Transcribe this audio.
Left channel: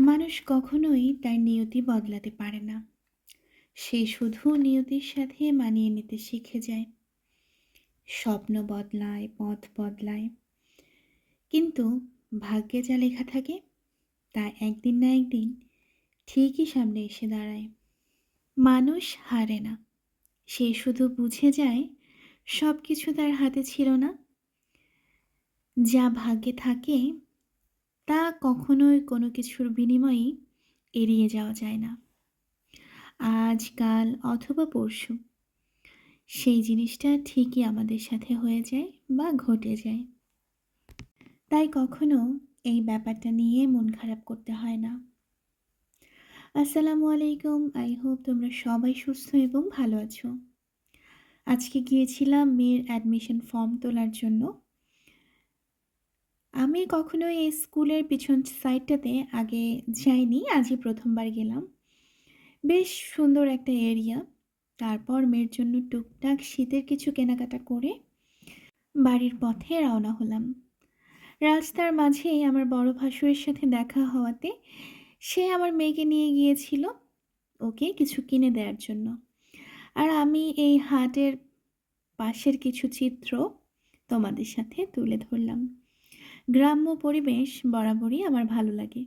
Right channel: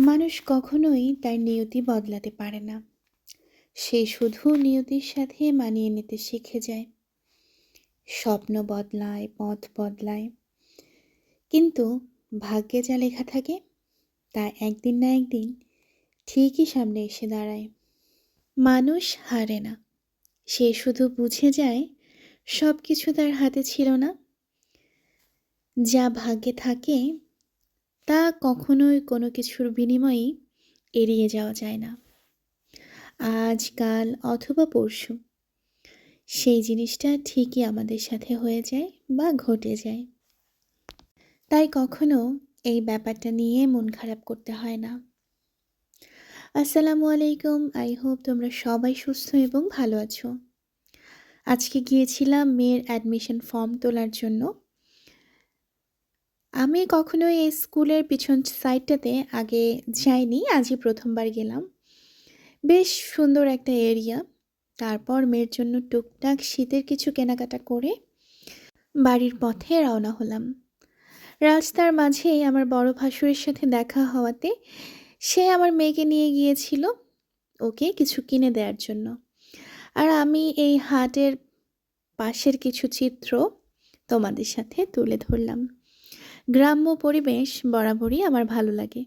মানুষ কখনোই তার নিয়তি বদলাতে পারে না। সে শুধু নিয়তির সাথে মানিয়ে নিতে শিখে যায়। স্বপ্ন বদলায়, পথ বদলায়। কিন্তু ভাগ্যে যা লেখা থাকে, তা একদিন না একদিন ঠিকই সামনে এসে দাঁড়ায়। মানুষ হারে না। সে শুধু বুঝে যায় সব কিছু তার হাতে ছিল না। যা ভাগ্যে থাকে তা কখনোই কোনো কিছুর বিনিময়ে এড়িয়ে যাওয়া যায় না। আজ, কাল অথবা পরশু, সেই জিনিসটা ঠিকই আমাদের সাথে হয়ে যায় বা ঘটে যায়। তাই কখনো এই ব্যাপারটা নিয়ে মন খারাপ করতে হয় না। আসসালামু আলাইকুম, আই হোপ তোমরা সবাই সুস্থ এবং ভালো আছো। আজকে গিয়েছিলাম মেয়ের অ্যাডমিশন ফর্ম তোলার জন্য। আমি কখনো এই স্কুলের পিছন সাইডটাতে আগে যাইনি, আজই প্রথমবার গেলাম। বেশ সুন্দর একটা এরিয়া। তারপর মেয়ের জন্য টুকটাক শীতের কিছু কেনাকাটা করে বাড়ির পথে রওনা হলাম। রাস্তার মাঝেই আমার বড় ভাসুরের সাথে দেখা হওয়াতে সে আমার মেয়েকে নিয়ে গিয়েছিল ওকে কিছু কিনে দেওয়ার জন্য। আর আমি এই হাটের পাশের কিছু চিত্র তোমাদের সাথে তুলে ধরলাম। গ্রাম্য পরিবেশ বরাবরই আমার ভালো লাগে।